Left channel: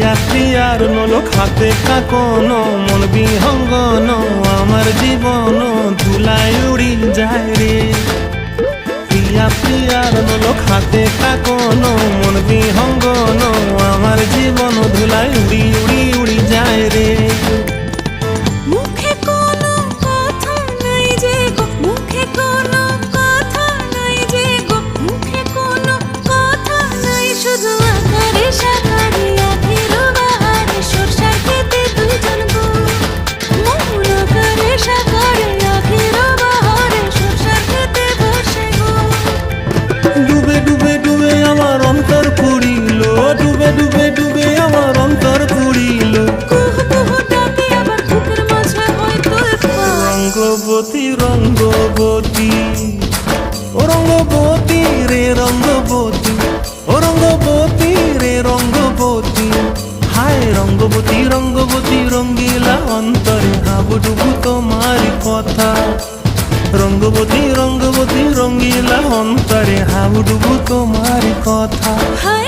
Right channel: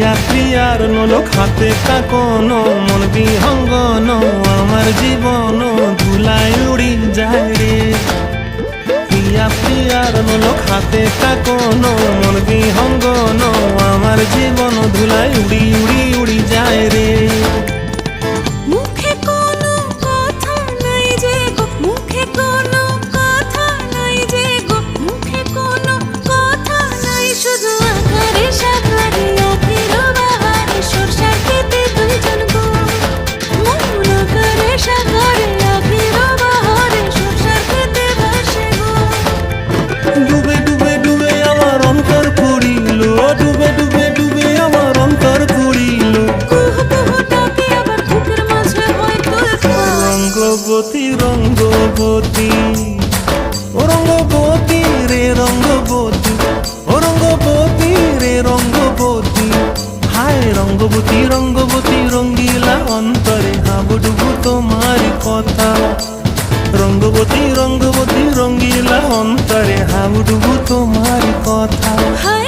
প্রিয়া প্রিয়ার নোলক হাতে কাকন মন বিহঙ্গন আমার জীবন ধুলায় উড়ি যায় রে। প্রিয়া প্রিয়ার নোলক হাতে কাকন মন বিহঙ্গন আমার জীবন ধুলায় উড়ি উড়ি উড়ি যায় রে। মুখে কোনো কথা নাই যে গো, মুখে কোনো কথা নাই যে গো, মুখে কোনো কথা নাই, শুধু আকারে সাকারে আখির বাহারে সরষার খেতে দুইজন গো। মন আকারে সাকারে আখির বাহারে সরষার খেতে ভাসে গো। ডুবে ডুবে ডুবে আমার অন্তর পুড়িল, ডুবে ডুবে ডুবে আমার অন্তর পুড়িল। কুহু কুহু ডাকে আবার বুকের মাঝে হয় তোলপাড়। রঙ্গবতী রঙ্গবতী ও রঙ্গবতী রে রঙ্গবতী, ও রঙ্গবতী রে রঙ্গবতী। হায় রঙ্গবতী রঙ্গবতী রঙ্গিলা অন্তরে হাবুডুবু তোমার কথা। রঙ্গবতী রঙ্গবতী রঙ্গিলা অন্তরে হাবুডুবু তোমার কথা। হায়